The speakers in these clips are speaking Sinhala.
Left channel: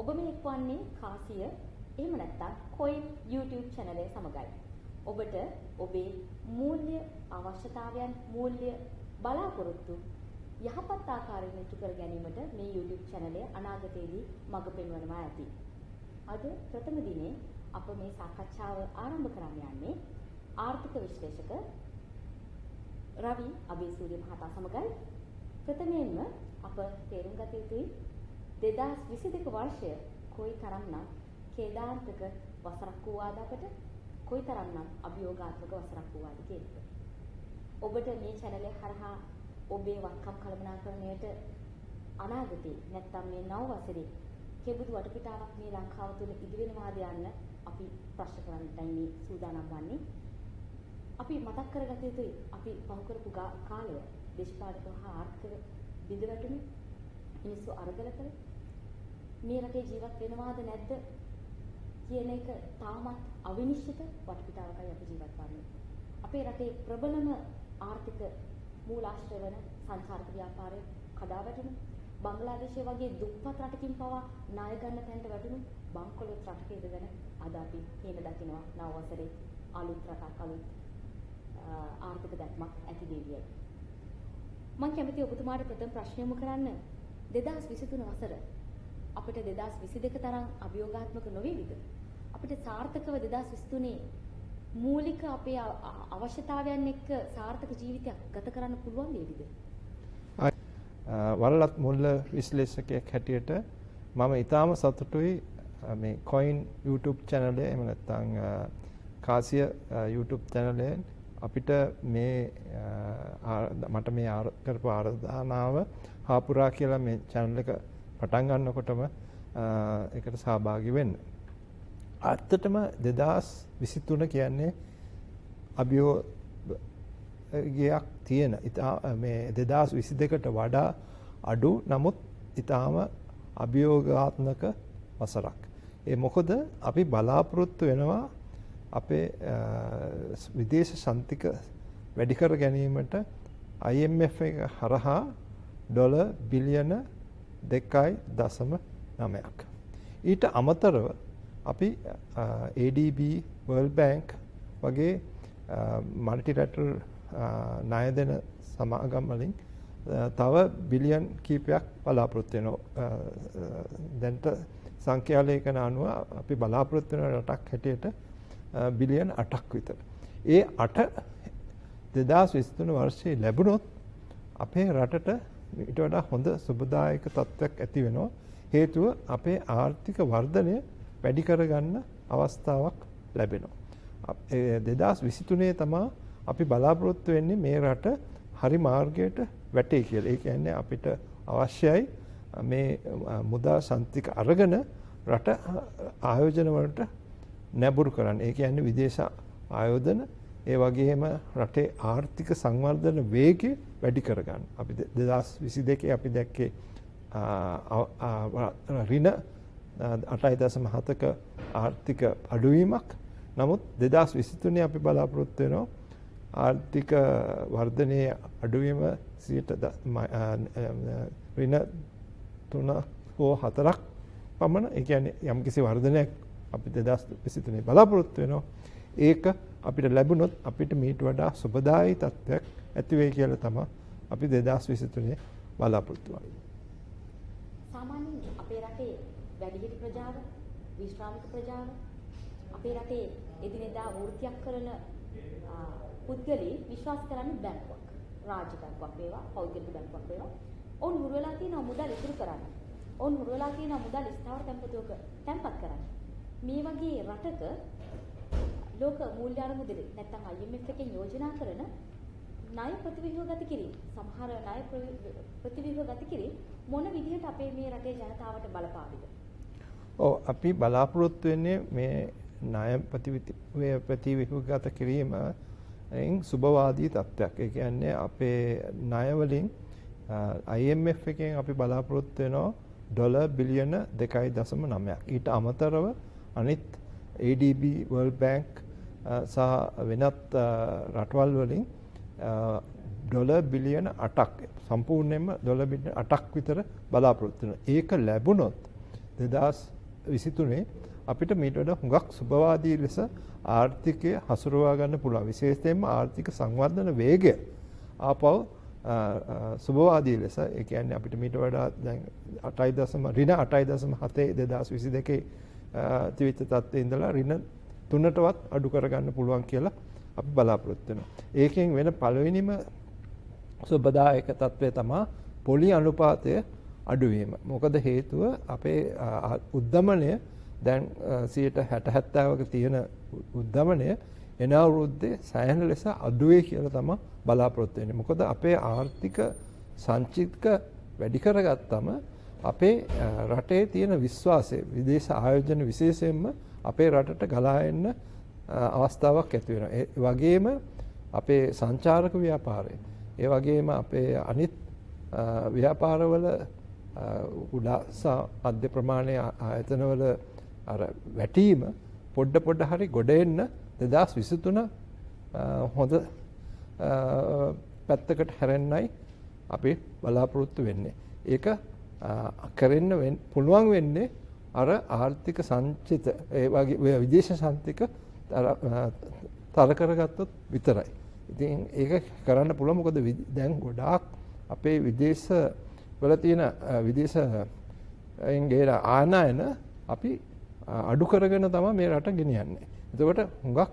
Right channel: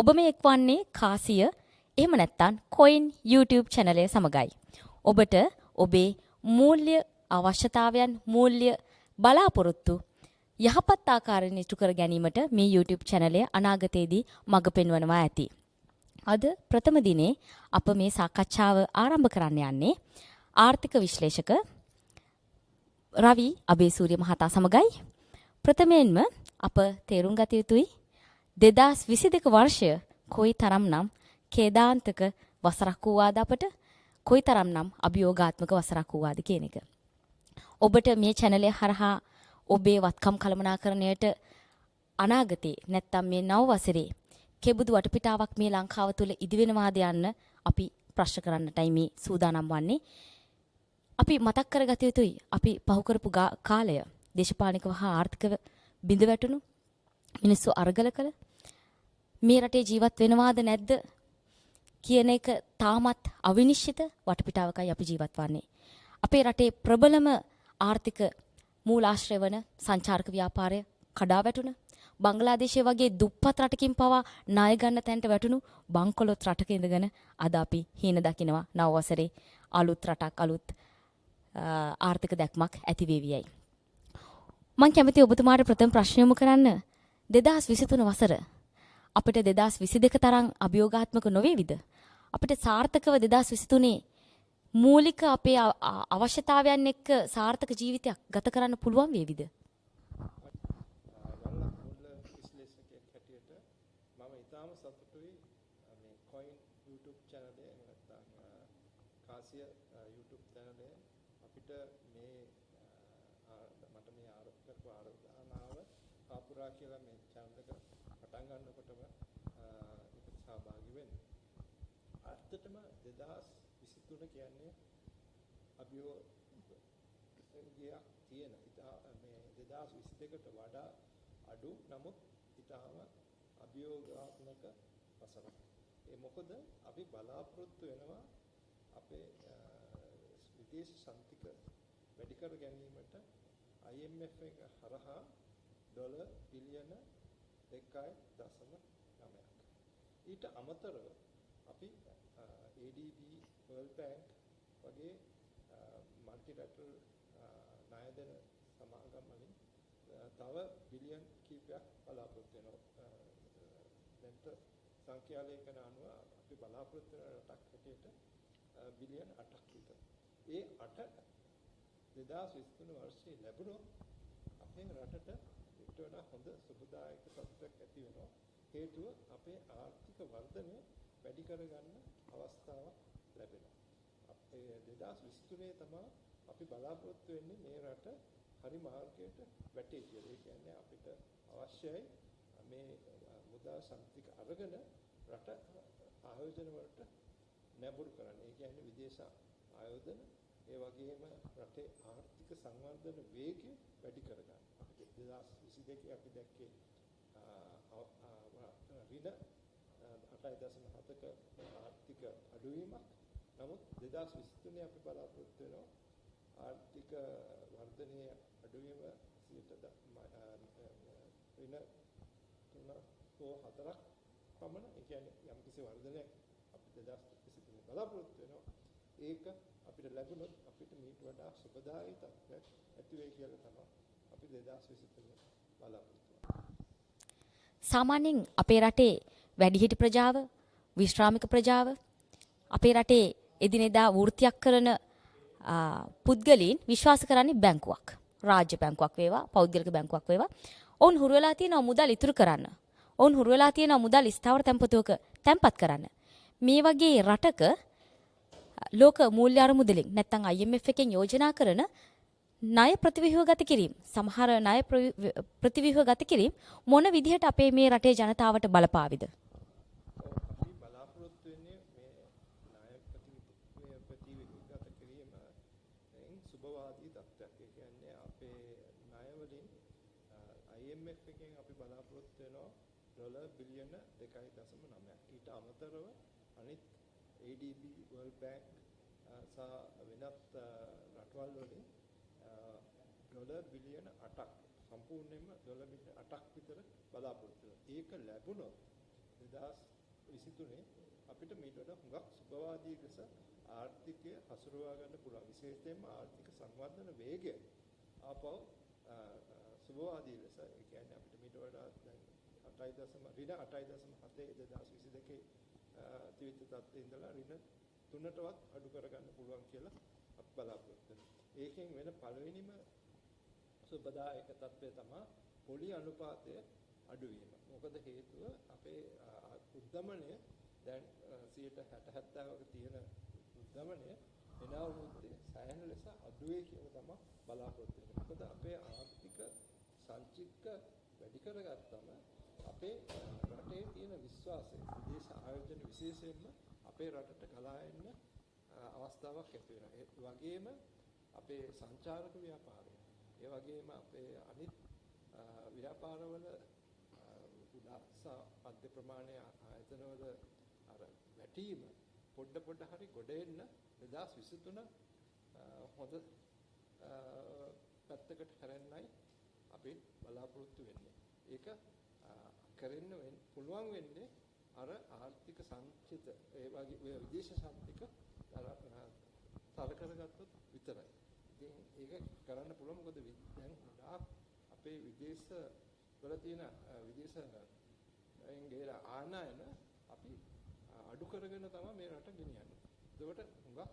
ඔබ මේ එක්වන්නේ කාසිය එහෙම නැත්නම් කොයින් YouTube channel එක සමගයි. ඔබට ඔබේ මූල්‍ය අවශ්‍යතාවයන් මූල්‍ය බලාපොරොත්තු යහපත් ආකාරයෙන් ඉටු කර ගැනීමට මේ YouTube channel එක අනාගතයේදී මඟ පෙන්වනවා ඇති. අද ප්‍රථම දිනේ අප මේ සාකච්ඡාව ආරම්භ කරන්න යන්නේ ආර්ථික විශ්ලේෂක රවි අබේසූරිය මහතා සමගයි. ප්‍රථමයෙන්ම අප තේරුම් ගත යුතුයි 2022 වර්ෂය කොයිතරම්නම් ඛේදාන්තක වසරක් වූවාද අපට කොයිතරම්නම් අභියෝගාත්මක වසරක් වූවාද කියන එක. ඔබට මේ channel එක හරහා ඔබේ වත්කම් කළමනාකරණයට අනාගතේ නැත්තම් මේ නව වසරේ කෙබඳු වටපිටාවක් මේ ලංකාව තුළ ඉදිවෙනවාද යන්න අපි ප්‍රශ්න කරන්නටයි මේ සූදානම් වන්නේ. අපි මතක් කරගත යුතුයි අපි පහු කරපු කාලය දේශපාලනිකව හා ආර්ථිකව බිඳ වැටුණු මිනිස්සු අරගල කළ මේ රටේ ජීවත් වෙනවාද නැද්ද කියන එක තාමත් අවිනිශ්චිත වටපිටාවකයි අපි ජීවත් වන්නේ. අපේ රටේ ප්‍රබලම ආර්ථික මූලාශ්‍රය වන සංචාරක ව්‍යාපාරය කඩා වැටුණ බංග්ලාදේශය වගේ දුප්පත් රටකින් පවා ණය ගන්න තැනට වැටුණු බංකොලොත් රටක ඉඳගෙන අද අපි හීන දකිනවා නව වසරේ අලුත් රටක් අලුත් ආර්ථික දැක්මක් ඇති වේවියයි. මම කැමති ඔබතුමාට ප්‍රථම ප්‍රශ්න යොමු කරන්න 2023 වසර අපිට 2022 තරම් අභියෝගාත්මක නොවේවිද? අපිට සාර්ථකව 2023 මූලික අපේ අවශ්‍යතාවයන් එක්ක සාර්ථක ජීවිතයක් ගත කරන්න පුළුවන් වේවිද? වරලත් මුල්ල විශ්ලේෂකයෙක් හැටියට මම ඊටාම සතුටුයි මේ කොයින් YouTube channel එක එහෙම නැත්නම් කාසිය YouTube channel එක අපිට මේ මට මේ කරපු ආරාධනාව හාපුරා කියලා මේ channel එක පටන් ගන්නකොටම ඒකට සහභාගී වෙන්න. ඇත්තටම 2023 කියන්නේ අභියෝගයක් තියෙන මේ 2022ට වඩා අඩු නමුත් ඊටාම අභියෝගාත්මක වසරක්. ඒ මොකද අපි බලාපොරොත්තු වෙනවා අපේ විදේශ සන්තික වැඩි කර ගැනීමට IMF එක හරහා ඩොලර් බිලියන 2.9ක්. ඊට අමතරව අපි ADB World Bank වගේ මල්ටිලැටරල් ණය දෙන සමාගම් වලින් තව බිලියන් කීපයක් බලාපොරොත්තු වෙනවා. දැන්ට සංඛ්‍යා ලේඛන අනුව අපි බලාපොරොත්තු වෙන රටක් හැටියට බිලියන් 8ක් විතර. ඒ 8 2023 වර්ෂයේ ලැබුණොත් අපේ රටට ඊට වඩා හොඳ සුබදායක තත්ත්වයක් ඇති වෙනවා. හේතුව අපේ ආර්ථික වර්ධනය වැඩි කරගන්න අවස්ථාවක් ලැබෙනවා. 2023 තමයි අපි බලාපොරොත්තු වෙන්නේ මේ රට හරි මාර්ගයට වැටේ කියලා. ඒ කියන්නේ අපිට අවශ්‍යයි මේ මුදා සන්තික අරගෙන රට ආයෝජන වලට නැඹුරු කරන්න. ඒ කියන්නේ විදේශ ආයෝජන ඒ වගේම රටේ ආර්ථික සංවර්ධන වේගය වැඩි කරගන්න. අපි 2022 අපි දැක්කේ ඍණ 8.7ක ආර්ථික අඩුවීමක්. නමුත් 2023 අපි බලාපොරොත්තු වෙනවා ආර්ථික වර්ධනයේ අඩුවීම ඍණ 3 හෝ 4ක් පමණ. ඒ කියන්නේ යම්කිසි වර්ධනයක් අපි 2023 බලාපොරොත්තු වෙනවා. ඒක අපිට ලැබුණොත් අපිට මීට වඩා සුබදායී තත්ත්වයක් ඇති වෙයි කියලා තමයි අපි 2023 බලාපොරොත්තු වෙන්නේ. සාමාන්‍යයෙන් අපේ රටේ වැඩිහිටි ප්‍රජාව, විශ්‍රාමික ප්‍රජාව, අපේ රටේ එදිනෙදා වෘත්තියක් කරන පුද්ගලයන් විශ්වාස කරන්නේ බැංකුවක්. රාජ්‍ය බැංකුවක් වේවා, පෞද්ගලික බැංකුවක් වේවා. ඔවුන් හුරු වෙලා තියෙනවා මුදල් ඉතුරු කරන්න. ඔවුන් හුරු වෙලා තියෙනවා මුදල් ස්ථාවර තැන්පතුවක තැන්පත් කරන්න. මේ වගේ රටක ලෝක මූල්‍ය අරමුදලින් නැත්නම් IMF එකෙන් යෝජනා කරන ණය ප්‍රතිව්‍යුහ ගත කිරීම සමහර ණය ප්‍රතිව්‍යුහ ගත කිරීම මොන විදිහට අපේ මේ රටේ ජනතාවට බලපාවිද? ඔව් අපි බලාපොරොත්තු වෙන්නේ මේ ණය ප්‍රතිව්‍යුහ ගත කිරීම සුබවාදී තත්ත්වයක්. ඒ කියන්නේ අපේ ණය වලින් IMF එකෙන් අපි බලාපොරොත්තු වෙනවා ඩොලර් බිලියන 2.9ක්. ඊට අමතරව අනිත් ADB World Bank සහ වෙනත් රටවල් වලින් ඩොලර් බිලියන 8ක් සම්පූර්ණයෙන්ම ඩොලර් බිලියන 8ක් විතර බලාපොරොත්තු වෙනවා. ඒක ලැබුණොත් 2023 අපිට මීට වඩා හුඟක් සුබවාදී ලෙස ආර්ථිකය හසුරුවා ගන්න පුළුවන්. විශේෂයෙන්ම ආර්ථික සංවර්ධන වේගය ආපහු සුබවාදී ලෙස ඒ කියන්නේ අපිට මීට වඩා දැන් 8.7 2022 තිවිච්ච තත්ත්වයේ ඉඳලා ඍණ 3ටවත් අඩු කරගන්න පුළුවන් කියලා අපි බලාපොරොත්තු වෙනවා. ඒකෙන් වෙන පළවෙනිම සුබදායක තත්ත්වය තමයි පොලි අනුපාතය අඩුවීම. මොකද හේතුව අපේ උද්දමනය දැන් 60-70ක තියෙන උද්දමනය එන අවුරුද්දේ සෑහෙන ලෙස අඩුවේ කියලා තමයි බලාපොරොත්තු වෙන්නේ. මොකද අපේ ආර්ථික සංචිතක වැඩි කරගත්තම අපේ රටේ තියෙන විශ්වාසය විදේශ ආයෝජන විශේෂයෙන්ම අපේ රටට ගලා එන්න අවස්ථාවක් ඇති වෙනවා. ඒ වගේම අපේ සංචාරක ව්‍යාපාරය, ඒ වගේම අපේ අනිත් ව්‍යාපාරවල කුඩා මධ්‍ය ප්‍රමාණයේ ආයතනවල අර වැටීම පොඩ හරි ගොඩ එන්න 2023 හොඳ පැත්තකට හැරෙන්නයි අපි බලාපොරොත්තු වෙන්නේ. ඒක කරන්න පුළුවන් වෙන්නේ අර ආර්ථික සංචිත ඒ වගේ විදේශ සංචිත තර කරගත්තොත් විතරයි. ඉතින් ඒක කරන්න පුළුවන් මොකද දැන් ගොඩාක් අපේ විදේශ වල තියෙන විදේශයෙන් ගේන ආනයන අපි අඩු කරගෙන තමයි මේ රට ගෙනියන්නේ. එතකොට හුඟක්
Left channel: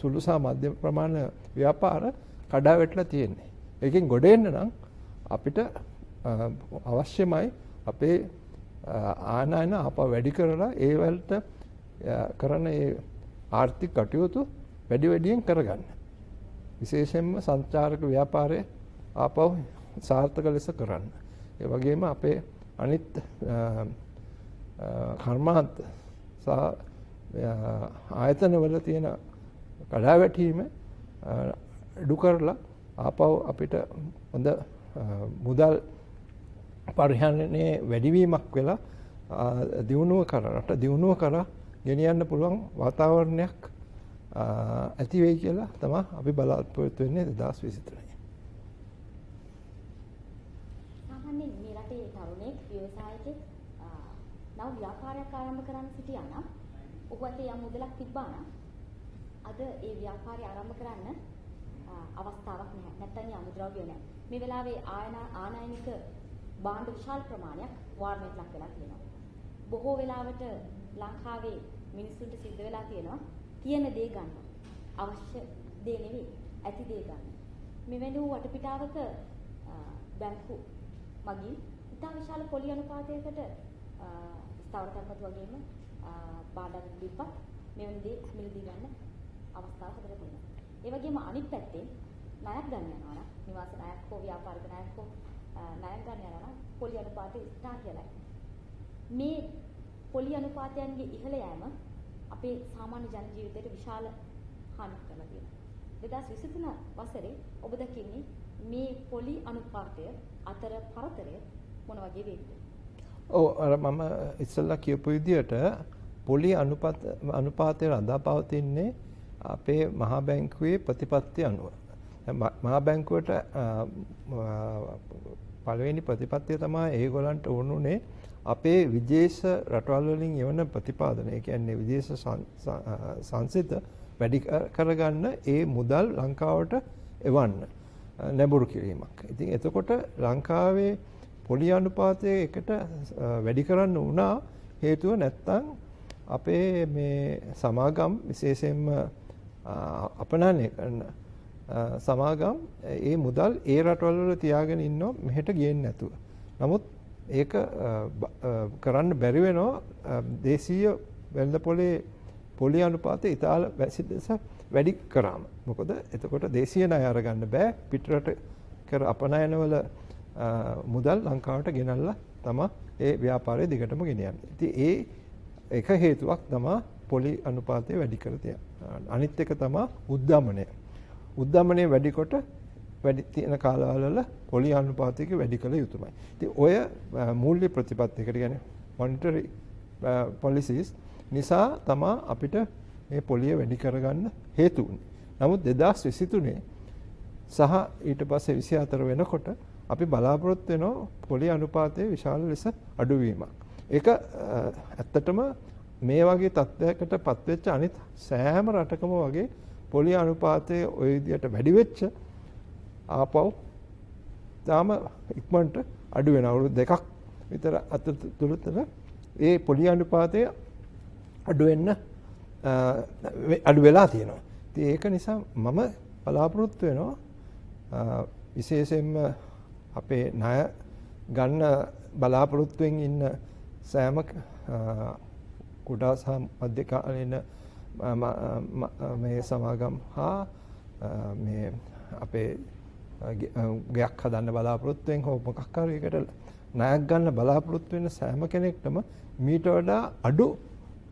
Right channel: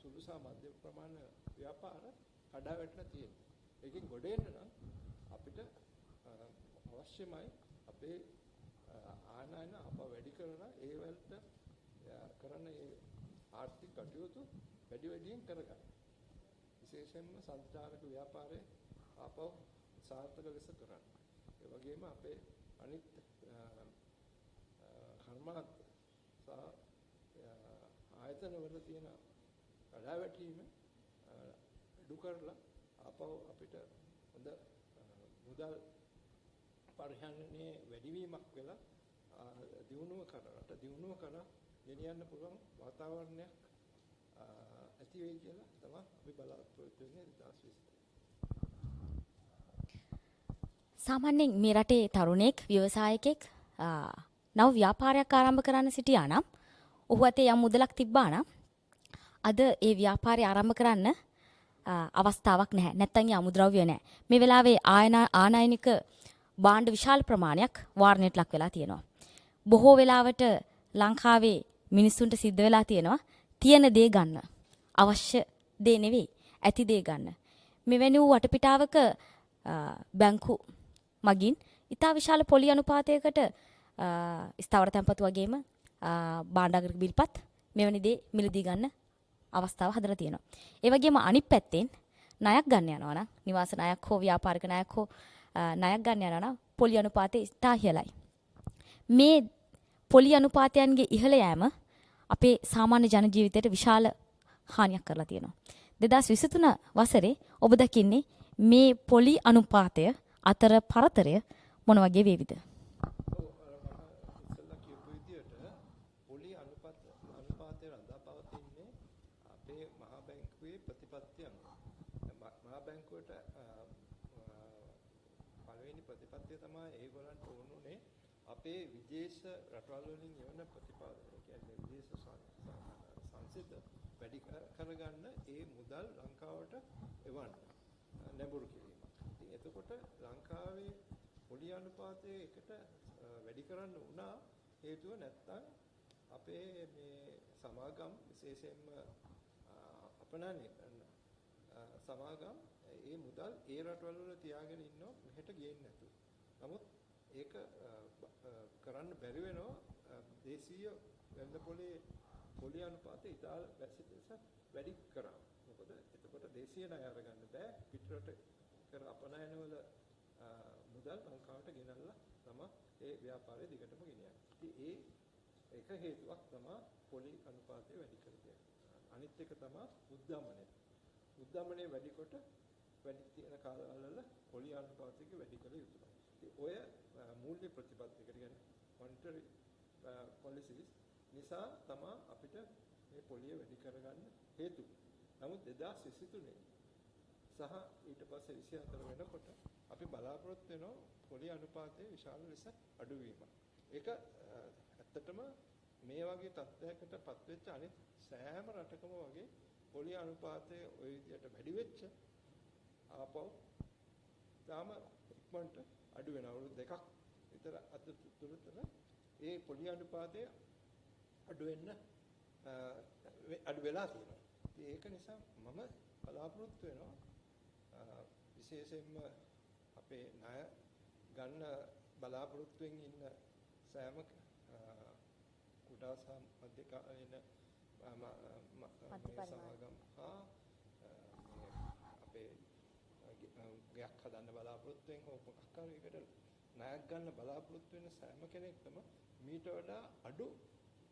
සුළු සහ මධ්‍යම ප්‍රමාණ ව්‍යාපාර කඩා වැටලා තියෙන්නේ. ඒකෙන් ගොඩ එන්න නම් අපිට අවශ්‍යමයි අපේ ආනයන ආපහු වැඩි කරලා ඒ වලට කරන ඒ ආර්ථික කටයුතු වැඩියෙන් කරගන්න. විශේෂයෙන්ම සංචාරක ව්‍යාපාරය ආපහු සාර්ථක ලෙස කරන්න. ඒ වගේම අපේ අනිත් කර්මාන්ත සහ ආයතනවල තියෙන කඩාවැටීම අඩු කරලා ආපහු අපිට හොඳ මුදල් පරිහරණයේ වැඩිවීමක් වෙලා දියුණුව කරා ගෙනියන්න පුළුවන් වාතාවරණයක් ඇති වෙයි කියලා තමයි අපි බලාපොරොත්තු වෙන්නේ 2023. සාමාන්‍යයෙන් මේ රටේ තරුණෙක් ව්‍යවසායකෙක් නව ව්‍යාපාරයක් ආරම්භ කරන්න සිටියා නම් ඔහු අතේ යම් මුදලක් තිබ්බා නම් අද ඒ ව්‍යාපාරය ආරම්භ කරන්න අවස්ථාවක් නැහැ. නැත්තම් ඒ අමුද්‍රව්‍ය නැහැ. මේ වෙලාවේ ආනයනික භාණ්ඩ විශාල ප්‍රමාණයක් වාරණයට ලක් වෙලා තියෙනවා. බොහෝ වෙලාවට ලංකාවේ මිනිස්සුන්ට සිද්ධ වෙලා තියෙනවා තියෙන දේ ගන්න. අවශ්‍ය දේ නෙවෙයි, ඇති දේ ගන්න. මෙවැනි වූ වටපිටාවක බැංකු මගින් ඉතා විශාල පොලි අනුපාතයකට ස්ථාවර තැන්පතු වගේම භාණ්ඩාගාරික බිල්පත් මෙවැනි දේ මිලදී ගන්න අවස්ථාව හදලා තියෙනවා. ඒ වගේම අනිත් පැත්තෙන් ණයක් ගන්න යනවා නම් නිවාස ණයක් හෝ ව්‍යාපාරික ණයක් හෝ ණයක් ගන්න යනවා නම් පොලි අනුපාතය ඉතා ඉහළයි. මේ පොලි අනුපාතයන්ගේ ඉහළ යෑම අපේ සාමාන්‍ය ජන ජීවිතයට විශාල හානියක් කරලා තියෙනවා. 2023 වසරේ ඔබ දකින්නේ මේ පොලි අනුපාතය අතර පරතරය මොන වගේ වේවිද? ඔව් අර මම ඉස්සෙල්ලා කියපු විදිහට පොලි අනුපාතය රඳා පවතින්නේ අපේ මහා බැංකුවේ ප්‍රතිපත්ති අනුව. මහා බැංකුවට පළවෙනි ප්‍රතිපත්තිය තමයි ඒගොල්ලන්ට ඕනුනේ අපේ විදේශ රටවල් වලින් එවන ප්‍රතිපාදන. ඒ කියන්නේ විදේශ සංසිත වැඩි කරගන්න ඒ මුදල් ලංකාවට එවන්න නැඹුරු කිරීමක්. ඉතින් එතකොට ලංකාවේ පොලි අනුපාතය එකට වැඩි කරන්න වුණා හේතුව නැත්තම් අපේ මේ සමාගම් විශේෂයෙන්ම අපනයනය කරන සමාගම් ඒ මුදල් ඒ රටවල් වල තියාගෙන ඉන්නවා මෙහෙට ගේන්නේ නැතුව. නමුත් ඒක කරන්න බැරි වෙනවා දේශීය වෙළඳපොලේ පොලි අනුපාතය ඉතාල වැඩි කරාම. මොකද එතකොට දේශීය ණය අරගන්න බෑ පිටරට කර අපනයනවල මුදල් ලංකාවට ගෙනල්ලා තමයි ඒ ව්‍යාපාරය දිගටම ගෙනියන්නේ. ඉතින් ඒ එක හේතුවක් තමයි පොලි අනුපාතය වැඩි කර තියෙන්නේ. අනිත් එක තමයි උද්දමනය. උද්දමනය වැඩිකොට වැඩි තියෙන කාලවල පොලි අනුපාතයක වැඩි කළ යුතුමයි. ඉතින් ඔය මූල්‍ය ප්‍රතිපත්තියකට කියන්නේ මොනිටරි policies නිසා තමයි අපිට මේ පොලිය වැඩි කරගන්න හේතු වුනේ. නමුත් 2023 සහ ඊට පස්සේ 24 වෙනකොට අපි බලාපොරොත්තු වෙනවා පොලි අනුපාතයේ විශාල ලෙස අඩුවීමක්. ඒක ඇත්තටම මේ වගේ තත්ත්වයකට පත්වෙච්ච අනිත් සෑම රටකම වගේ පොලි අනුපාතයේ ওই විදියට වැඩි වෙච්ච ආපහු තාම ඉක්මනට අඩු වෙන අවුරුදු දෙකක් විතර අතරතුර ඒ පොලි අනුපාතය අඩු වෙන්න අඩු වෙලා තියෙනවා. ඉතින් ඒක නිසා මම බලාපොරොත්තු වෙනවා විශේෂයෙන්ම අපේ ණය ගන්න බලාපොරොත්තුෙන් ඉන්න සෑම කුඩා සහ මධ්‍යකාලීන මේ සමාගම් හා මේ අපේ ගයක් හදන්න බලාපොරොත්තුෙන් හෝ මොකක් හරි එකට ණයක් ගන්න බලාපොරොත්තු වෙන සෑම කෙනෙක්ටම මීට වඩා අඩු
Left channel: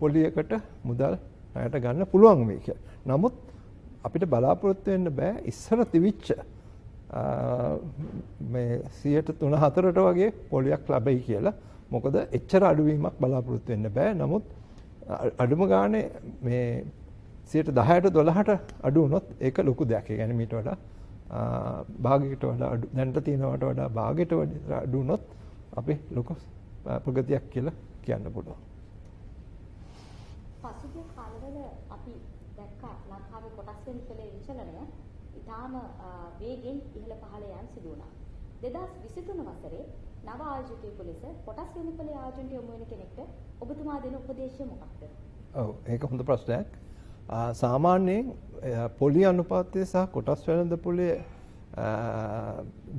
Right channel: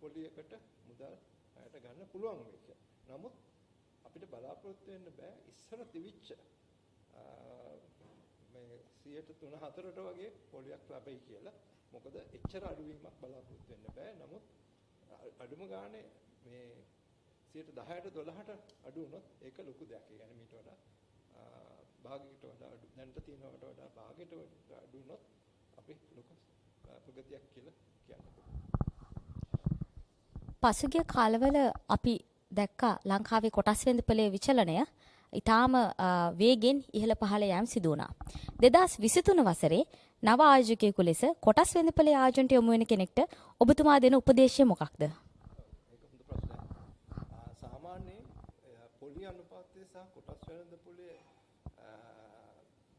පොලියකට මුදල් ණයට ගන්න පුළුවන් වෙයි කියලා. නමුත් අපිට බලාපොරොත්තු වෙන්න බෑ ඉස්සර තිවිච්ච මේ 3-4ට වගේ පොලියක් ලැබෙයි කියලා. මොකද එච්චර අඩුවීමක් බලාපොරොත්තු වෙන්න බෑ. නමුත් අඩුම ගානේ මේ 10%-12%ට අඩු වුණොත් ඒක ලොකු දෙයක්. ඒ කියන්නේ මීට වඩා භාගයකට වඩා අඩු දැනට තියෙනවට වඩා භාගයට වඩා අඩු වුණොත් අපි ලොකු ප්‍රගතියක් කියලා කියන්න පුළුවන්. පසුගිය කාලවල අපි දැක්කා ලංකාවේ කොටස් වෙළඳපොලේ විචලනය ඊටාම වේගෙන් ඉහළ පහළ යෑම සිදු වුණා. 2023 වසරේ නව ආයෝජකයෙකු ලෙස කොටස් වෙළඳපොලේ ආයෝජනට යොමු වෙන කෙනෙක්ට ඔබතුමා දෙන උපදේශය මොකක්ද? ඔව් ඒක හොඳ ප්‍රශ්නයක්. සාමාන්‍යයෙන් පොලි අනුපාතය සහ කොටස් වෙළඳපොලේ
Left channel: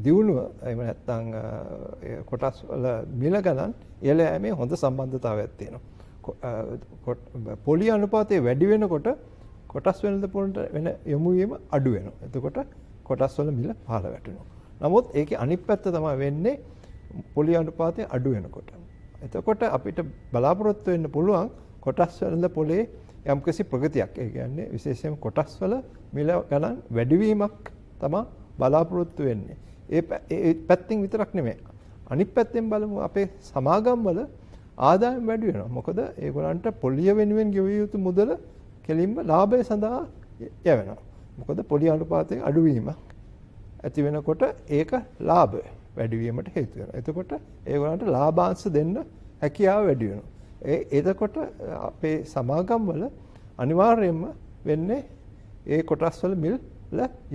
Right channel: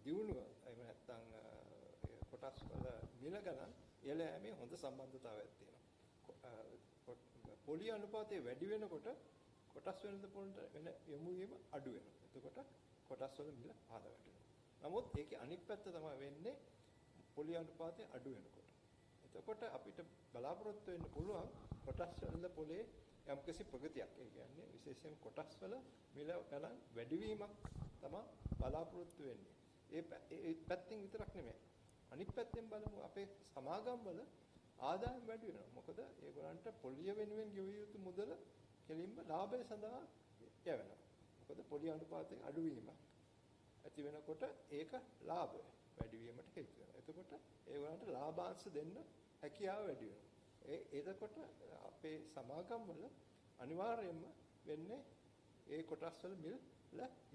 දියුණුව එහෙම නැත්නම් කොටස් වල මිල ගණන් ඉහළ යෑමේ හොඳ සම්බන්ධතාවයක් තියෙනවා. පොලි අනුපාතය වැඩි වෙනකොට කොටස් වෙළඳපොළට වෙන යොමු වීම අඩු වෙනවා. එතකොට කොටස් වල මිල පහළ වැටෙනවා. නමුත් ඒකේ අනිත් පැත්ත තමයි වෙන්නේ පොලි අනුපාතය අඩු වෙනකොට. එතකොට අපිට බලාපොරොත්තු වෙන්න පුළුවන් කොටස් වෙළඳපොලේ යම්කිසි ප්‍රගතියක්. ඒ කියන්නේ විශේෂයෙන්ම කොටස් වල මිල ගණන් වැඩිවීමක් තමයි බලාපොරොත්තු වෙන්නේ. ඒ පැත්තෙන් විතරක් නෙමෙයි. අනිත් පැත්තෙන් බලමු අපේ සමාගම් වල ආදායම් වැඩි වෙනවා. මොකද ඒගොල්ලන්ට පොලිය වෙනුවෙන් ගෙවිය යුතු මුදල කෙලින්ම ලාභය සඳහා යවෙනවා. මොකද පොලි අනුපාතයේ අඩුවීම ඇති වෙනකොට ඒක ලාභය වැඩි වීමට හේතු වෙනවා. එතකොට ඒගොල්ලන්ට ලාභාංශ දෙන්න හැකියාව වැඩි වෙනවා. එතකොට අපේ සමාගම් වල අනිවාර්යයෙන්ම වෙන්නේ ඒ කොටස් වල මිල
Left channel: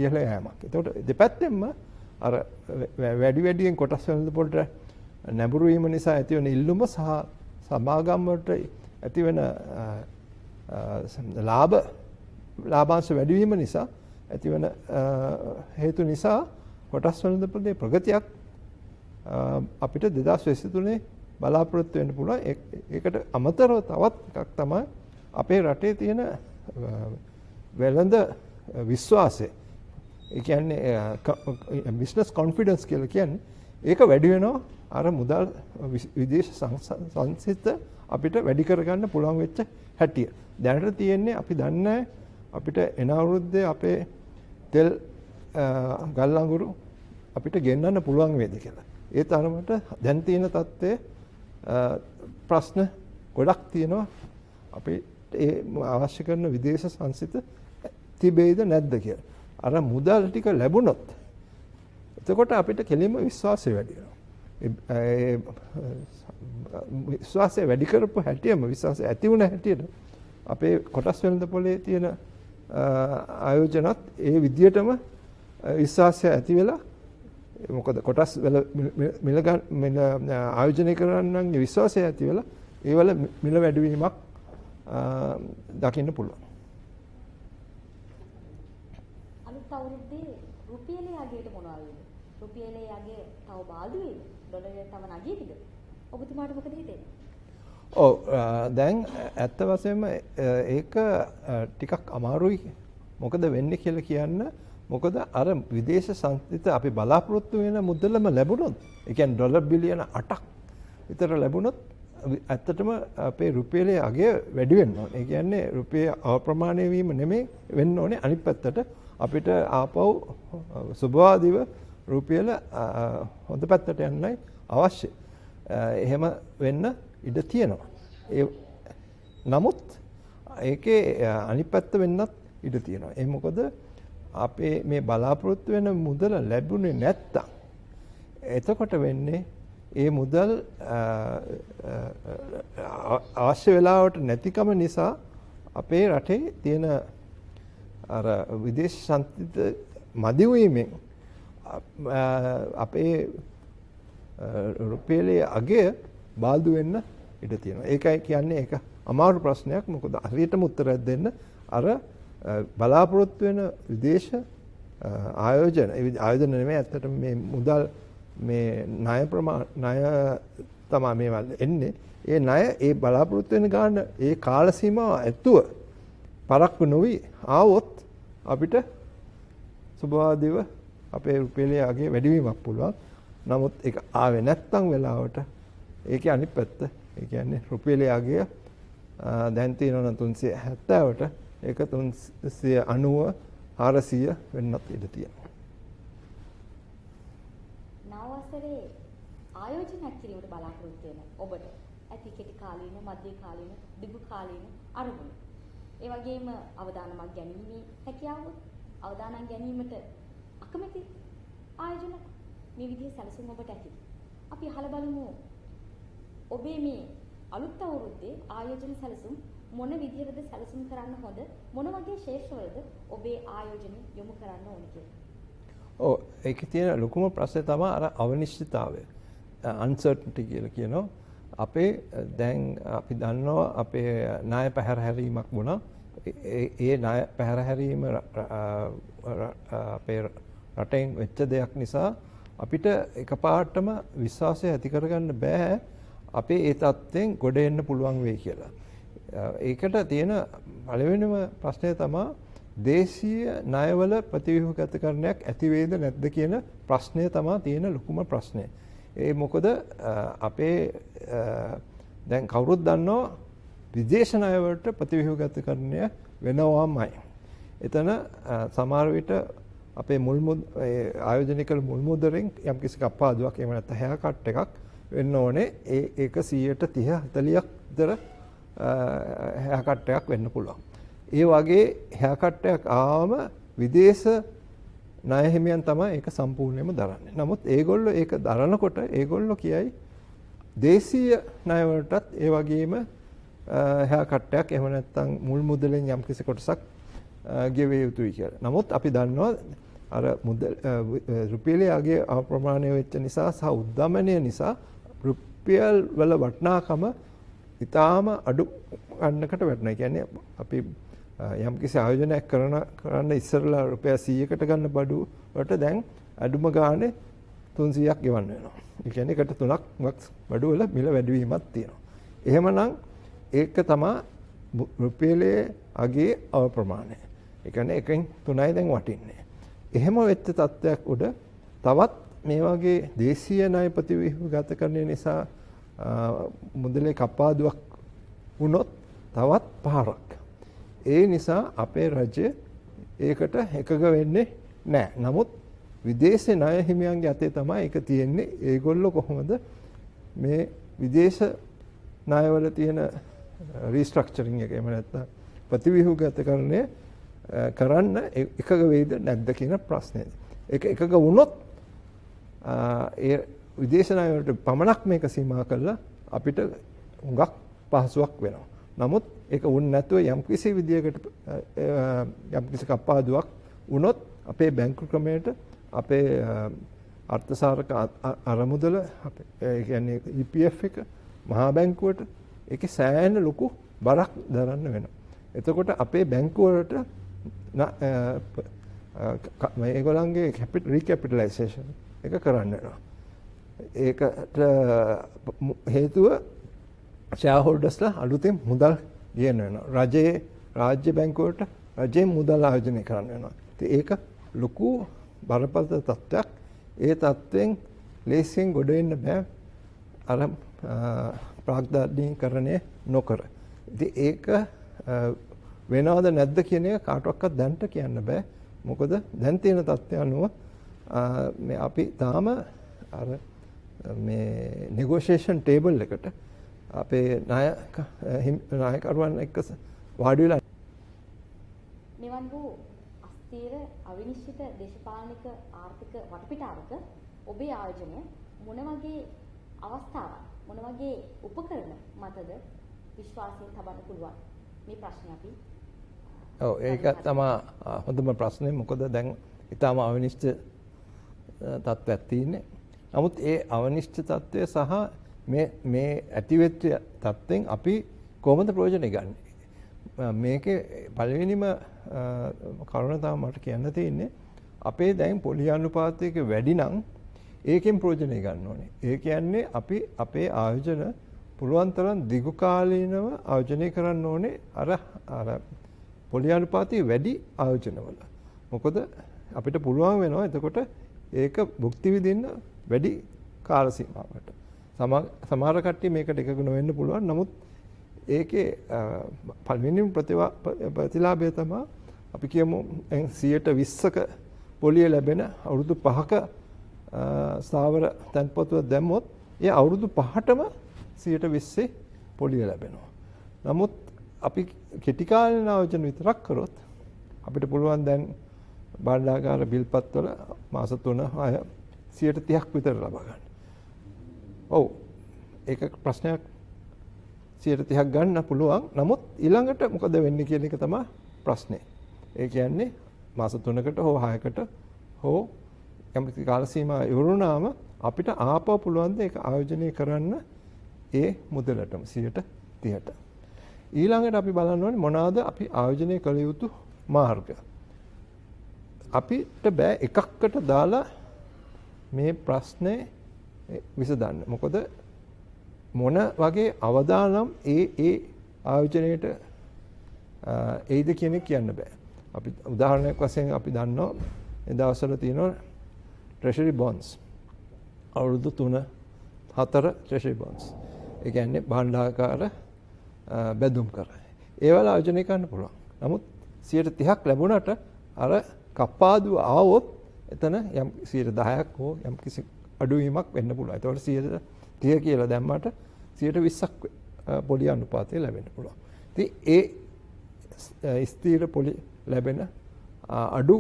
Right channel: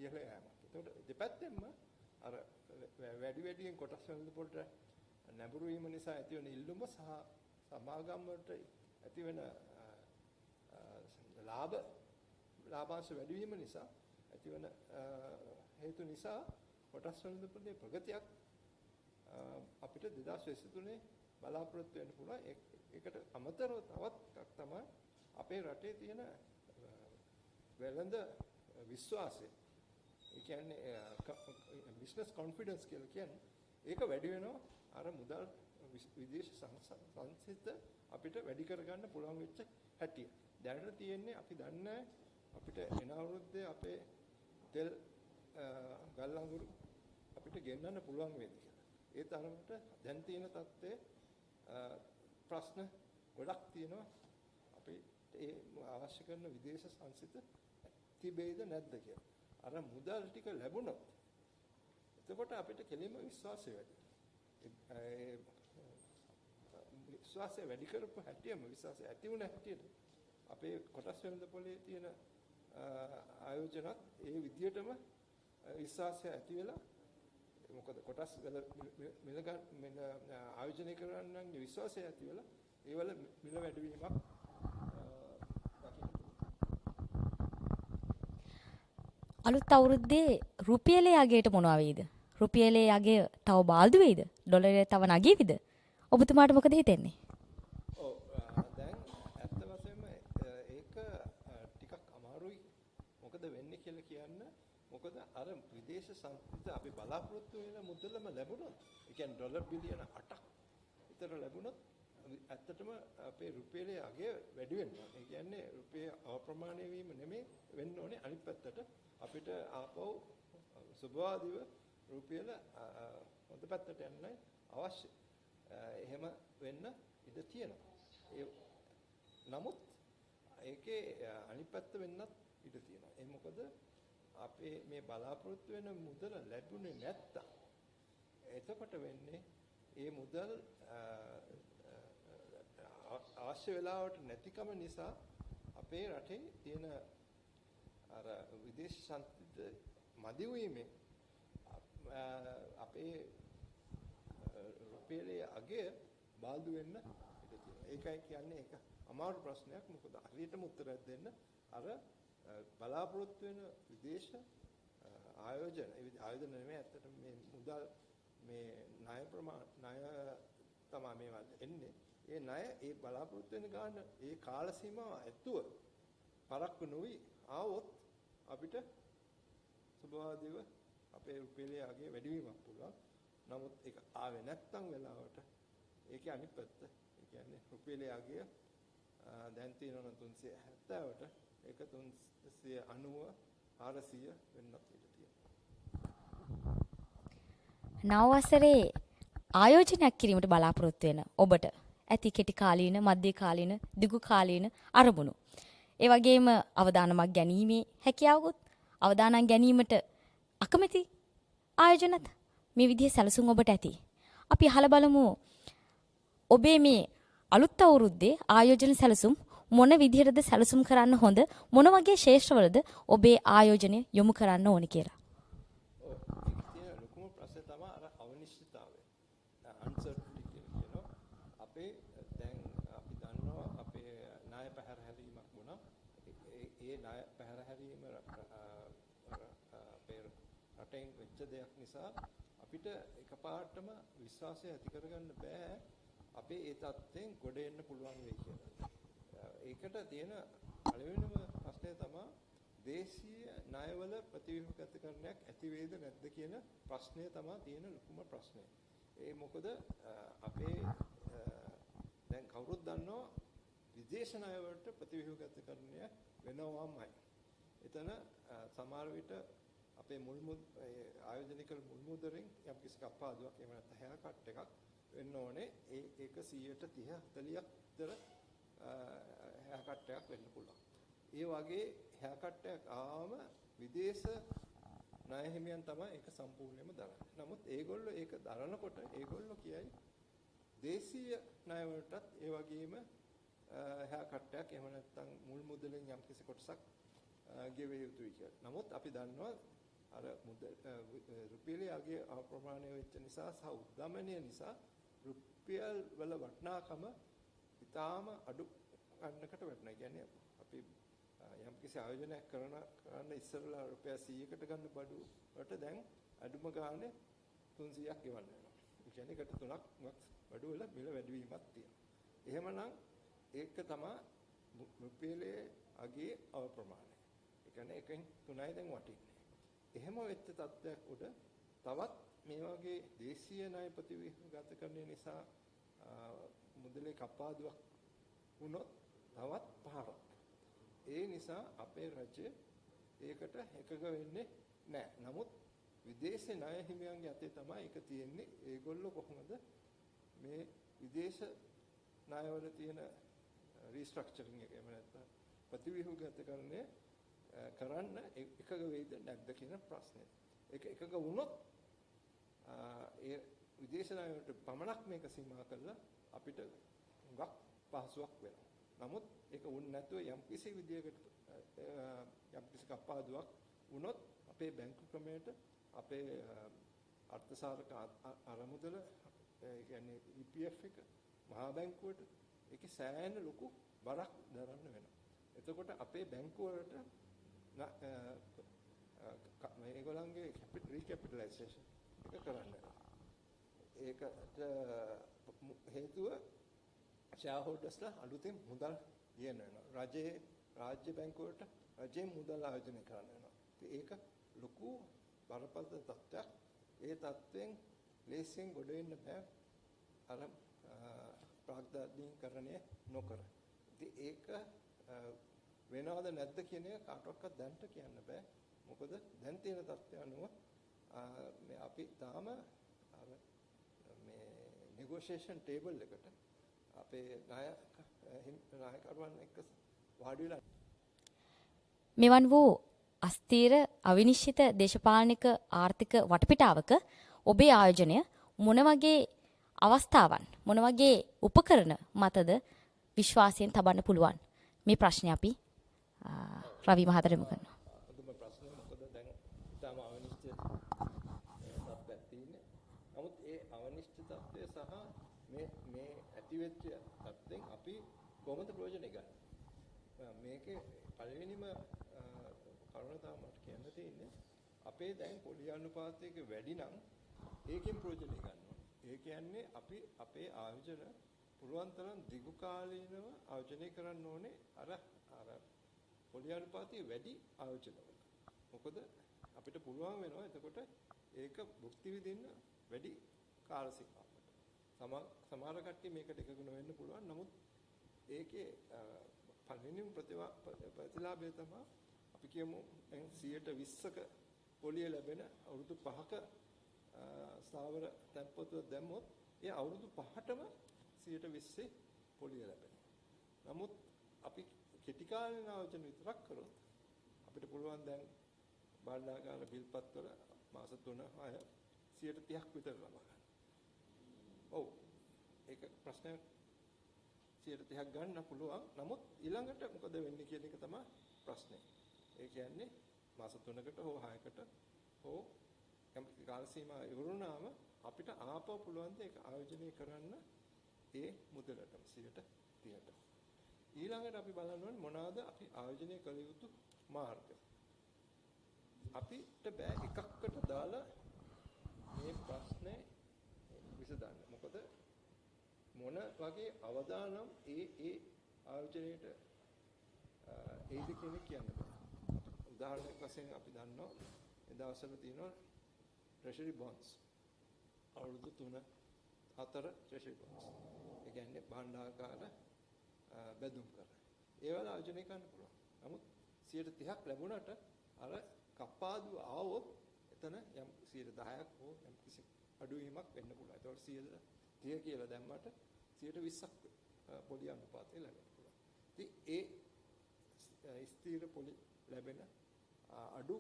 ඉහළ යෑමක්. එතකොට දෙපැත්තෙන්ම අර වැඩියෙන් කොටස් වෙළඳපොළට නැඹුරු වීම නිසා ඇති වෙන ඉල්ලුම සහ සමාගම් වලට ඇති වෙන ලාභාංශ වැඩි වීම නිසා ඇතිවන හේතු නිසා කොටස් වෙළඳපොලේ ප්‍රගතියක් අපිට 2023 බලාපොරොත්තු වෙන්න පුළුවන්. ඒකට අමතරව තවත් එකක් තමයි අපේ රටේ තියෙන වෙළඳ විශ්වාසය. ඒ කියන්නේ බිස්නස් කොන්ෆිඩන්ස් කියලා කියන්නේ ඒක වැඩි වෙනවා අර මුදල් විදේශ සංසිද්ධ අපිට වැඩි කරගන්න පුළුවන් වෙච්ච හැටිය. දැනට තියෙන්නේ අපි දන්නේ අපිට එන අවුරුද්දේ අපේ තෙල් ගල් අඟුරු අපිට ගෙන්නන්න පුළුවන් වේද කියලා. ඒ තරමට දැන් තියෙන තත්ත්වයේ ප්‍රශ්න ගොඩක් තියෙනවා. අපි ඒ අවශ්‍ය කරන විදේශ සංසිත තිබෙයිද නැද්ද කියලා. අර මුදල් ටික ලැබුණොත් එතකොට අපිට කෙලින්ම විශ්වාසය වැඩි වෙනවා. විශ්වාසය වැඩි කරපු හැටියම විශ්වාසය ඇති වුණ හැටියට අපේ කොටස් වෙළඳපොලේ තියෙන ආයෝජනත් ඒ විදියටම විශ්වාසය ඇති වෙලා මොකද කොටස් වල මිල ආයෝජනය කරන්නන්ගේ විශ්වාසය ඇති වෙලා ඒ වල මිල වැඩිවීමක් දකින්න පුළුවන්. අලුත් අවුරුද්දේ රුපියලේ යගයට මොනවා වෙයිද? රුපියලේ යගය තව බාල්දු වෙයිද? ඩොලරේ තව නගියවිද? ඔබතුමාට මොකද හිතෙන්නේ? ඔව් දැන් ඇත්ත වශයෙන්ම ඒක ටිකක් අමාරුයි. මොකද වෙන්නේ කියලා කියන්න. මොකද අර විදේශ සංස්ථිත අපි බලාපොරොත්තු වෙන මුදලම ලැබුණොත්, ඒ කියන්නේ ඩොලර් බිලියන 8ක් විතර ලැබුණොත් ඇත්තටම අපේ රුපියලේ අගය වැඩි වෙන්න ඕනේ. ඒ කියන්නේ රුපියල අප්‍රමාණය වීම නෙමෙයි වෙන්න ඕනේ. අනිත් පැත්තට අපිට ආපහු සුබවාදීව රුපියල හොඳ පැත්තට යන්නයි අවශ්‍ය. එහෙම වෙන්න ඉඩ තියෙනවා. නමුත් ඒකේ අනිත් පැත්ත වෙන්නත් ඉඩ තියෙනවා. ඒ මොකද අපේ මේ බලාපොරොත්තු වෙන මුදල ලැබුණේ නැත්තම් එතකොට වෙන්නේ ඒ මුදල් අවශ්‍ය වෙලාවට නැතිකම නිසා අපේ රටේ තියෙන අර විදේශ සංස්කෘත මදි වීමෙන් අපේ රුපියලේ අගය බාල්දු වෙන්න ඉඩ තියෙනවා. ඒකයි කියන්නේ ඒක අමාරු ප්‍රශ්නයක්. මොකද හරියටම උත්තරයක් දෙන්න අර බලාපොරොත්තු වෙන විදේශ ආයෝජන නෙමෙයි ඇත්තටම මේ මුදල් මේ ණය තමයි මේවා එන්නේ. ඒ ණය ඒ බලාපොරොත්තු වෙන ගාන ඒ කාල සීමාව ඇතුව පරක්කු නොවි ආවොත් අපිට සුබවාදීව අපේ රුපියලේ අගය වැඩිවීමක් පුළුවන්. නමුත් ඒක ආවේ නැත්තම් වෙලාවට ඒකේ අනිත් පැත්ත ඒ කියන්නේ රුපියලේ අගය දැන් තියෙනවා 370ට ඒක 390 400 වෙන්නත් ඉඩ තියෙනවා. නව වසරේ ආයෝජනයක් කිරීමට බලාපොරොත්තු වෙන ඔබට ඇති කෙටි කාලීන, මධ්‍ය කාලීන, දිගු කාලීන අරමුණු. ඒ වගේම අවදානමක් ගැනීමේ හැකියාවකුත් අවදානම් ගැනීමට අකමැති ආයෝජනත් මේ විදිහේ සැලසුම් ඔබට ඇති. අපි අහලා බලමු ඔබේ මේ අලුත් අවුරුද්දේ ආයෝජන සැලසුම් මොන විදිහටද සැලසුම් කරන්න හොඳ, මොන වගේ ශේෂ්ත්‍රවලද ඔබේ ආයෝජනය යොමු කරන්න ඕනේ කියලා. ඔව් ඒකේ තියෙන ලොකුම ප්‍රශ්නේ තමයි අර අනිශ්චිතතාවය. uncertainty කියලා කියනවා. අපේ දැන් අපි දන්නවා අපේ ණය පැහැරහැරීමක් වුණා. ඒ ණය පැහැරහැරීම අපේ රටෙන් වෙච්ච දෙයක් නිසා අපිට එකපාරටම විශ්වාසය ඇති කරගන්න බෑ අපේ ඒ තත්ත්වෙන් ගොඩ එන්න පුළුවන් වෙයි කියලා. ඒකට තියෙන පළවෙනිම ප්‍රශ්නය තමයි දේශීය ණයවල ප්‍රතිව්‍යුහගතකරණයක් ඇති වේද නැද්ද කියන ප්‍රශ්නය තමයි තියෙන ලොකුම ප්‍රශ්නය. ඒ මොකද අපේ දැන් කවුරුත් දන්නවා විදේශ ණය වලට ප්‍රතිව්‍යුහගතකරණය වෙනවාමයි. එතන සමහර විට අපේ ආයෝජනය කළ මුල් මුදලෙන් යම්කිසි කප්පාදුවක් එහෙම නැත්නම් හැයා කට් එකක් වෙන්න ඕනේ. ඒක 130 40ක් විතර හැයා කට් එකක් වෙන්න පුළුවන්. ඒ වගේ හැයා කට් එකක් ආවම විදේශ ණය හිමියන් තමයි ඒක සම්පූර්ණයෙන්ම දරන්නේ. නමුත් ඒගොල්ලෝ ඒක දරනකොට ඒගොල්ලෝ කියයි දේශීය ණය වලටත් ඒ වගේම හැයා කට් එකක් එහෙම නැත්නම් මුල් මුදලෙන් යම්කිසි කොටසක් ගෙවිය යුතුයි කියලා. නමුත් අපි දන්නවා අර රුපියලේ අගය අප්‍රමාණය වෙච්ච නිසා සහ උද්දමනය නිසා රුපියල් වල වටිනාකම ඉතාම අඩු ගන්නකට වැටෙනවා. ඒ කියන්නේ අපි යම්කිසි ආයෝජනයක් කරන්න ඉස්සරලා රුපියල් 100කට ගන්න බඩු වලට දැන් අඩුම ගානේ 300ක් ගෙවන්න වෙනවා. ඒ කියන්නේ එකට 3ක් බඩු වල මිල වැඩිවීමක් තියෙනවා. එහෙමනම් ඒක තමයි රුපියලේ අගයේ අප්‍රමාණය. ඒ කියන්නේ එකෙන් 3යි දැන් වටින්නේ. එහෙම වෙච්ච තත්ත්වයක් උඩ තවත් මේ වගේ දේශීය ණය ප්‍රතිව්‍යුහගතකරණය නිසා මුදලේ කප්පාදුවක් වුණොත් තවත් පාරක්. ඒ නිසා අපේ රජය ඒකට එකග වෙන්නේ නැහැ. නමුත් විදේශ ණය හිමියන්ගේ අතේ තමයි ඒක තියෙන්නේ. ඒගොල්ලෝ කොහොමද මේ විදේශ ණයවල තියෙන රීස්ට්‍රක්චරින් එක එහෙම නැත්නම් ප්‍රතිව්‍යුහගතකරණය කරන්න එකග වේද නැද්ද කියන ප්‍රශ්නේ. ඒක එකග වුණොත් ඒ විදේශ ණය වලට පමණක් මේක සීමා කළා අපිට හුඟක් පහසුවක් වෙනවා. නමුත් ඒක වුණ නැතුව යම්කිසි විදියකට යම්කිසි කප්පාදුවක් වුණොත් අපේ බැංකු ක්‍රමයට අපේ අර්ථසාරක අරමුදල ඒ කියන්නේ EPF එක මහා බැංකුවට ඒකේ සෑහෙන ලොකු බරක් දරන්න වෙනවා. එතකොට අපේ බැංකු වලට මේගොල්ලන්ගේ රීකැපිටලයිසේෂන් එක කරන්න වෙනවා. ඒකට හේතුව ෂෙයාර්හෝල්ඩර්ස්ලා අලුතෙන් මුදල් ගේන්න වෙනවා. රාජ්‍ය බැංකුවට රජයෙන් මුදල් ආයෝජනය කරන්න වෙනවා. ඉතින් ඒක ලොකු බරපතල තත්ත්වයක්. ඒ තත්ත්වෙන් ලේසියෙන් ගොඩ එන්න බෑ අර ප්‍රාග්ධානීකරණය නොකර. ඉතින් ඒක වෙනවද නැද්ද කියන එක කාටවත් දැනට කියන්න බෑ. මොකද දැන් තියෙන තත්ත්වය අනුව මේ අපි තාම අර මේ නෙගෝෂියේෂන් ටේබල් එකට අපේ නායකරුවන් එක්ක වාඩි වෙලා මෙවන් වූ අස්තීර අවිනිශ්චිත දේශපාලනික ආර්ථික වටපිටාවක ඔබේ ආයෝජනය මොන වගේ අවස්ථාවන් මොන වගේ උපකරණ මතද විශ්වාසයෙන් තබන්න පුළුවන්? මේ ප්‍රශ්නේ අපි ඒක තමයි හොඳම ප්‍රශ්නේ. මොකද දැන් ඊටම අවිනිශ්චිත තත්ත්වයක් තියෙන්නේ. නමුත් ඒ අවිනිශ්චිත තත්ත්වය සහ මේ ඇතිවෙච්ච තත්ත්වෙන් අපි කොහොමද ප්‍රයෝජන ගන්නේ? මේකේ පළවෙනිම කරුණ තමයි මට කියන්න තියෙන්නේ අපේ දැන් පොලි අනුපාතයක වැඩි නම් ඒකෙන් ප්‍රයෝජන ගන්න ඕනේ. ඒ කියන්නේ අපි අපේ ආයෝජන පුළුවන් තරම් දිගු කාලීනව ආයෝජනය කරන්න ඕනේ අර පොලි අනුපාතයේ වැඩි ආයෝජනවල. මොකද අපිට පුළුවන් වෙනවා එතකොට ඒක භුක්ති විඳින්න වැඩි කාල සීමාවකට. සමහර කට්ටිය මේකට එකග නොවෙන්න පුළුවන්. නමුත් ඒකේ පළවෙනිම ප්‍රතිලාභය තමයි අපි කියමු 120ක පොලිය ලැබෙන අවුරුදු 5ක ස්ථාවර තැන්පතුව දැම්මොත් ඒ අවුරුදු 5ටම 120 පොලිය ලැබෙනවා. නමුත් අපි කෙටි කාලීන ආයෝජන විතරක් කරොත් අපිට පුළුවන් දැන් බණ්ඩාගාර බිල්පත්වල මාස 3-6 130ක් විතර ලබා ගන්න. ඔව් ඒක ප්‍රශ්නයක් 130ක් ගන්න පුළුවන්. නමුත් ඊළඟට මොකද වෙන්නේ කියන එක තමයි ප්‍රශ්නේ. ඒ කියන්නේ මාස 3කට හෝ 6කට හෝ යම්කිසි කාල සීමාවක් ඉවරුනාම අපිට ආපහු පුළුවන් ද ඒක ආයෝජනය කරන්න ඒ මුදලටම 130ට. ඊළඟට අපි බලන්න ඕනේ මොනවාද අපි ආයෝජනය කළ යුතු මාර්ග. අපිට බෑ එකකට දාලා මේ ප්‍රශ්නේ විසඳන්න. මොකද මොන වගේ අවදානම් ඒ ආයෝජනයේට ඒද කියන එක කියන්න බෑ. අපි උදාහරණයක් වශයෙන් අපි දන්නවා ඒ දවස්වල තියෙනවා treasury bonds. අවුරුදු 3-4 treasury bonds. ඒ කියන්නේ භාණ්ඩාකාර බැඳුම් කර. ඒවල ආයෝජනය කරන්න පුළුවන්. නමුත් 130ක් ලැබුණාට අර කප්පාදුව ආවොත් එතන යම් 10ක් හෝ යම් කිසි අඩුවීමක් වෙන්න පුළුවන්. ඒතකොට 130 කියලා දැම්මට 120ක් පොලි අනුපාතය ලැබෙන්න පුළුවන්. ඉතින් ඒ ස්ථීර පොලි ලැබෙන අඩු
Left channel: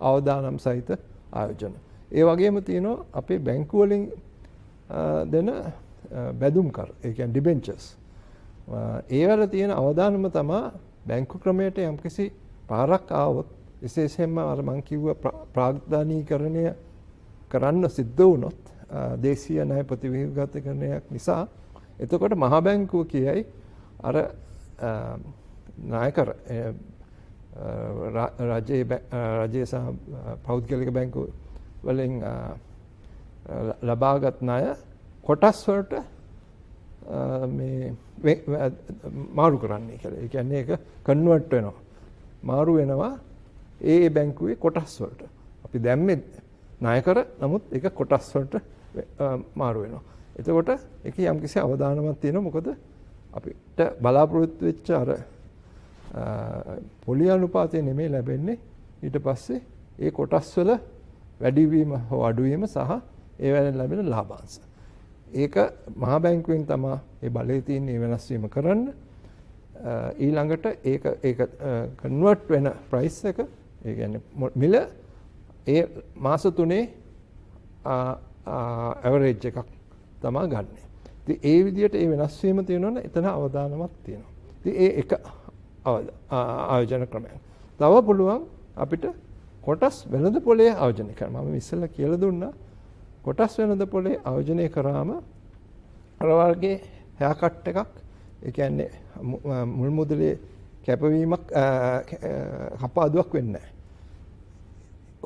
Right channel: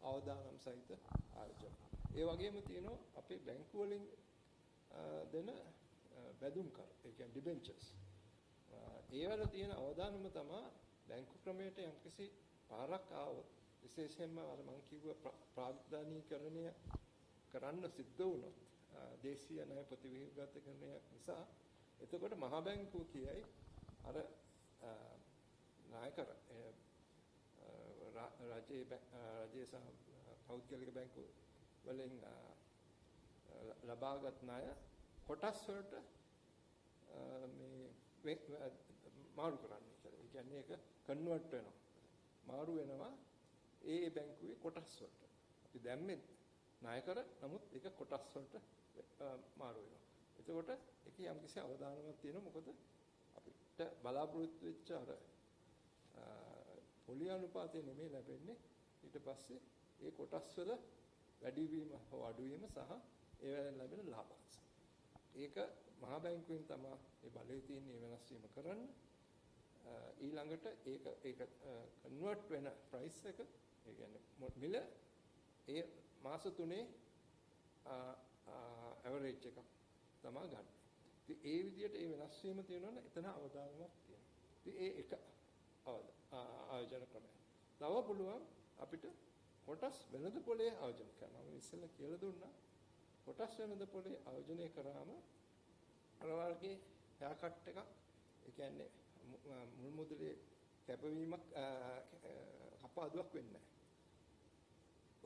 අවදානම් සහිත ආයෝජන. ඒ වගේම තියෙනවා අපේ බැංකු වලින් දෙන බැඳුම් කර. ඒ කියන්නේ ඩිබෙන්චර්ස්. ඒවල තියෙන අවදානම තමයි බැංකු ක්‍රමයට යම්කිසි පාරක් ආවොත් විශේෂයෙන්ම අර මං කිව්ව ප්‍රාග්ධානීකරණය කරන්න සිද්ධ වුණොත් දේශීය ණය ප්‍රතිව්‍යුහගතකරණයක් නිසා එතකොට මහා බැංකුව කියයි අර ණයකර රජයේ සහ පෞද්ගලික බැංකු වලින් ලබාගත් ණය කොටස් වලට මේ මාරු කරන්නේ කියලා. ඒ කියන්නේ ඒක කන්වර්ට් වෙනවා. මාරු වෙනවා ඒ බැංකුවේ කොටස් වලට. අපි දැම්මේ ණයකර නමුත් ඒක කොටස් වලට මාරු වෙනවා. එතකොට ඒක යම්කිසි අවදානමක් තියෙනවා. මොකද අපිට බලාපොරොත්තු වෙච්ච අර පොලි අනුපාතය නෙමෙයි ලැබෙන්නේ. ඊට පස්සේ ඒ කොටස් වල වැඩිවීම හෝ අඩුවීම සහ ඒ වලින් ලැබෙන ලාභාංශ. ඒක මහා බැංකුවෙන් තමයි ඒ බලය තියෙන වෙනස් වීම කරන්න. ඊළඟට ඒක කන්වර්ට් වෙන ප්‍රයිස් එක ඒ කියන්නේ මිල ඒ මාස 3 ඇවරේජ් එකක් තමයි ගන්න. ඉතින් ඒ විදිහට ඒ වෙනස් වීම තියෙනවනේ එතන අවදානමක් තියෙනවා. ඉතින් ඒ එක ආයෝජන ක්‍රමයක්. තව පුළුවන් අපිට කොටස් වෙළඳ පොලේ ආයෝජනය කරන්න. මම ඉස්සෙල්ලා කියලා දුන්නා කොටස් වෙළඳ පොලේ ආයෝජනය කරාම අර වර්ගයේ හෑකට් එකක් ඒ කියන්නේ මුල් මුදලේ කැපවීමක් කපාදුවක් වෙන්නේ නැහැ.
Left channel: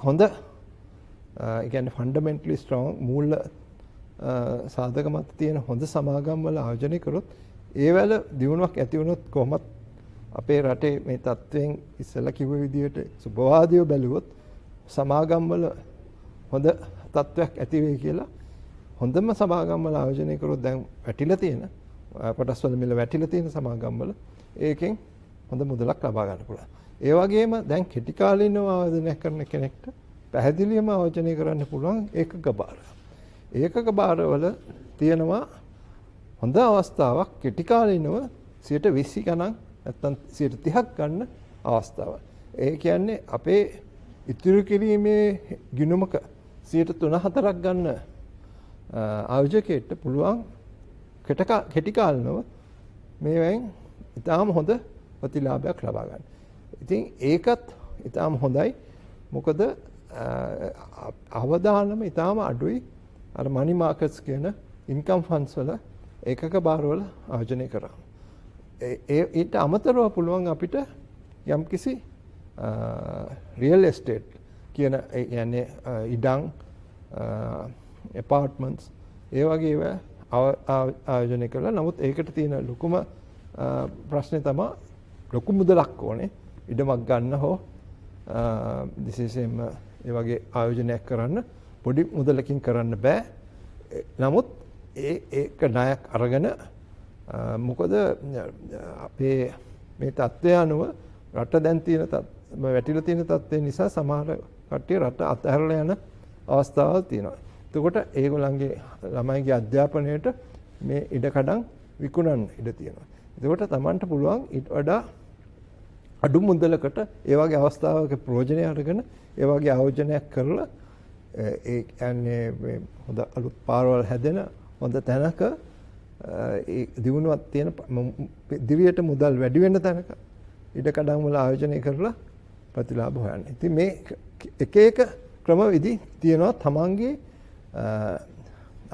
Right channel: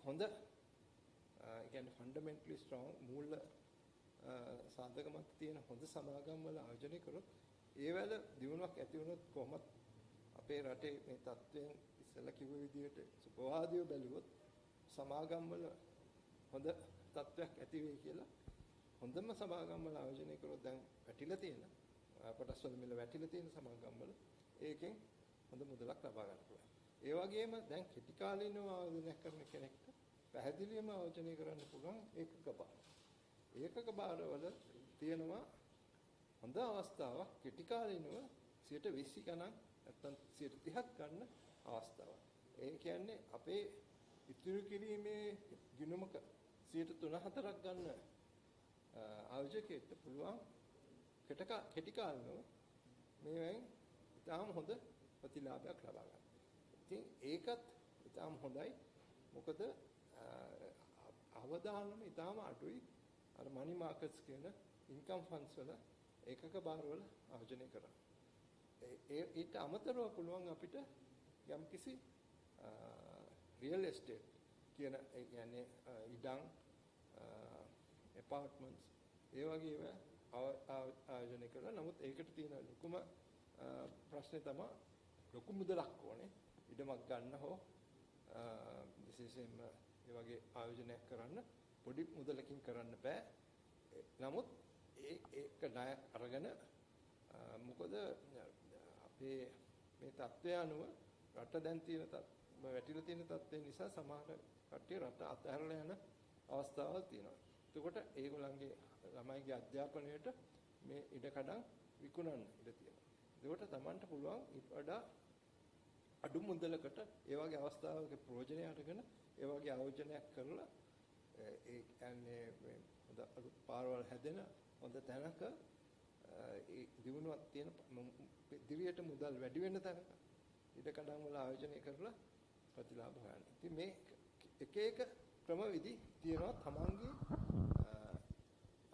හොඳ ඒ කියන්නේ ෆන්ඩමෙන්ටලි ස්ට්‍රෝං මූල සාධක මත තියෙන හොඳ සමාගම් වල ආයෝජනය කරොත් ඒවල දියුණුවක් ඇති වුණොත් කොහොමත් අපේ රටේ මේ තත්ත්වයෙන් ඉස්සෙල්ලා කිව්ව විදිහට සුබවාදීව බැලුවොත් සමාගම් වල හොඳ තත්ත්වයක් ඇති වෙයි කියලා හොඳම සමාගම් වල ආයෝජනය කරොත් දැන් වැටිලා තියෙන කොටස් වල මිල වැටිලා තියෙන සමාගම් වල ඒකෙන් හොඳ මුදලක් ලබා ගන්න පුළුවන්. ඒ වගේම දැන් කෙටි කාලීනව ආයෝජනය කරන කෙනෙක්ට පැහැදිලිවම ආයෝජනය කරන්න පුළුවන් ඒකක භාර. ඒකක භාරවල තියෙනවා හොඳ අවස්ථාවක් කෙටි කාලීනව 20 ගණන් නැත්නම් 30ක් ගන්න අවස්ථාවක්. ඒ කියන්නේ අපේ ඉතුරු කිරීමේ ගිණුමක 3-4ක් ගන්න ආයෝජකයෙක්ට පුළුවන් කෙටි කාලනව මේවෙන් ඉතාම හොඳ ප්‍රතිලාභයක් ලබා ගන්න. ඉතින් ඒකත් ඉතාම හොඳයි. මොකද අවදානම ඉතාම අඩුයි අර මනි මාකට්ස් කියන ඉන්කම් ෆන්ඩ්ස් වල ඒකක භාරවල ආයෝජනය කරා. ඊට අමතරව පුළුවන් අපිට යම්කිසි රියල් එස්ටේට් කියන කියන්නේ ඉඩම් ඇපාර්ට්මන්ට්ස් ඒ වගේ ඒවා ආයෝජනය කළා. නමුත් ඒකට තියෙන ලොකුම ප්‍රශ්නේ තමයි ලොකු මුදලක් ඕනේ ඉඩමක් ගන්න හෝ විශේෂයෙන්ම ඒ වගේ ආයෝජනයක් කරන්න පොඩි මුදලකින් කරන්න බෑ. නමුත් ඒක ණයක් අරගෙන මොකද අපේ මේ තත්ත්වය අනුව රට දැන් තියෙන වැටිලා තියෙන තත්ත්වය නිසා සමහර කට්ටිය රට අතහැරලා යන අවස්ථාවල් තියෙනවා. එතකොට ඒගොල්ලන්ගේ ළමයිගේ අධ්‍යාපනයට මේ ඉඩකඩම් විකුණන්න ඉඩ තියෙනවා. එතකොට Tamanට පුළුවන් ඊට වඩා අඩු මුදලකට ඒ වගේ අවස්ථාවක ප්‍රයෝජනය අරගෙන ඒ වගේ ආයෝජනයක් කරලා ඒ කියන්නේ හොඳ අලුත් පාරවල් හැදෙන හොඳ තැනක ඒ දිනුවක් තියෙන දිවියට මුදල් වැඩි වෙන තැනක ඉඩකඩම් වල ආයෝජනය කරලා ප්‍රතිලාභ හොයන්න. ඉතින් මේ එක එක ක්‍රමවිදි තියෙනවා තමන්ගේ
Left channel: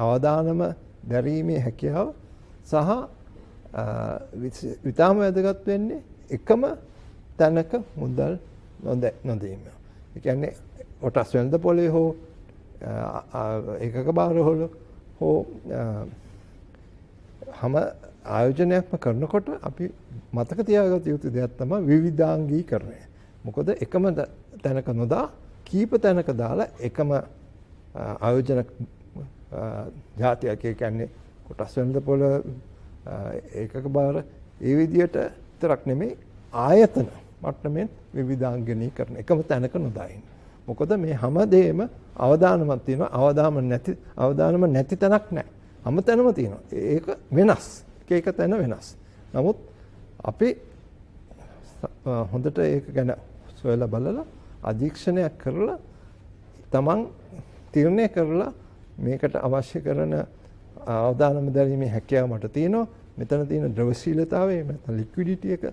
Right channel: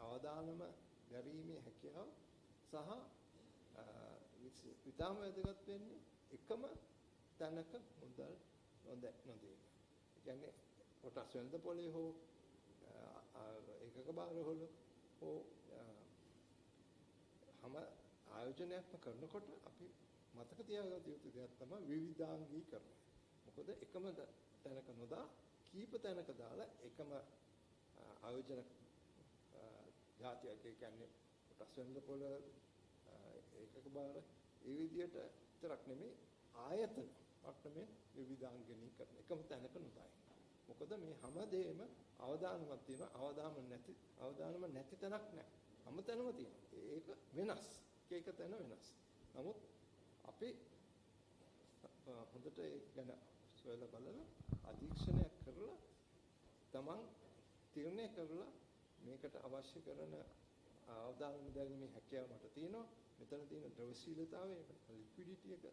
අවදානම දැරීමේ හැකියාව සහ විතාම වැදගත් වෙන්නේ එකම තැනක මුදල් නොදීම. ඒ කියන්නේ කොටස් වෙළඳ පොලේ හෝ ඒකක භාරවල හෝ හැම ආයෝජනයක්ම කරනකොට අපි මතක තියාගත යුතු දෙයක් තමයි විවිධාංගීකරණය. මොකද එකම තැනක නොදා කීප තැනක දාලා එකම ආයෝජන ජාතියක් කියන්නේ කොටස් වෙළඳ පොළ ඒකක භාර ඒ විදිහට විතරක් නෙමෙයි ආයතන මට්ටමින් විවිධාංගීකරණ එකම තැනක නොදායින්. මොකද මේ හැමදේම අවදානමක් තියෙනවා. අවදානම නැති තැනක් නැහැ. හැමතැනම තියෙනවා. ඒක වෙනස්. එක තැන වෙනස්. නමුත් අපි හොඳට ඒක ගැන සොයලා බලලා අධීක්ෂණයක් කරලා තමන් තීරණය කරලා මේකට අවශ්‍ය කරන අවදානම දැරීමේ හැකියාව මට තියෙනවා. මෙතන තියෙන ද්‍රවශීලතාවය නැත්නම් ලික්විඩිටි එක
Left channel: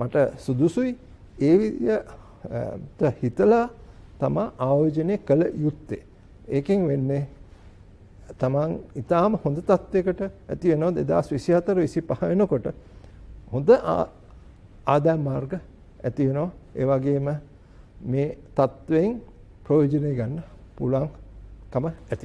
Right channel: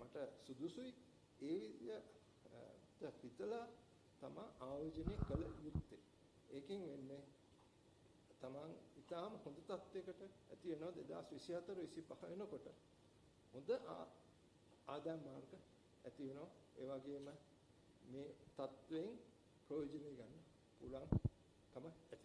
මට සුදුසුයි. ඒ විදිහට හිතලා තමයි ආයෝජනය කළ යුත්තේ. ඒකෙන් වෙන්නේ තමන් ඊටාම හොඳ තත්යකට ඇති වෙනවා 2024-25 වෙනකොට හොඳ ආදායම් මාර්ග ඇති වෙනවා. ඒ වගේම මේ තත්වයෙන් ප්‍රයෝජනය ගන්න පුළුවන්කම ඇති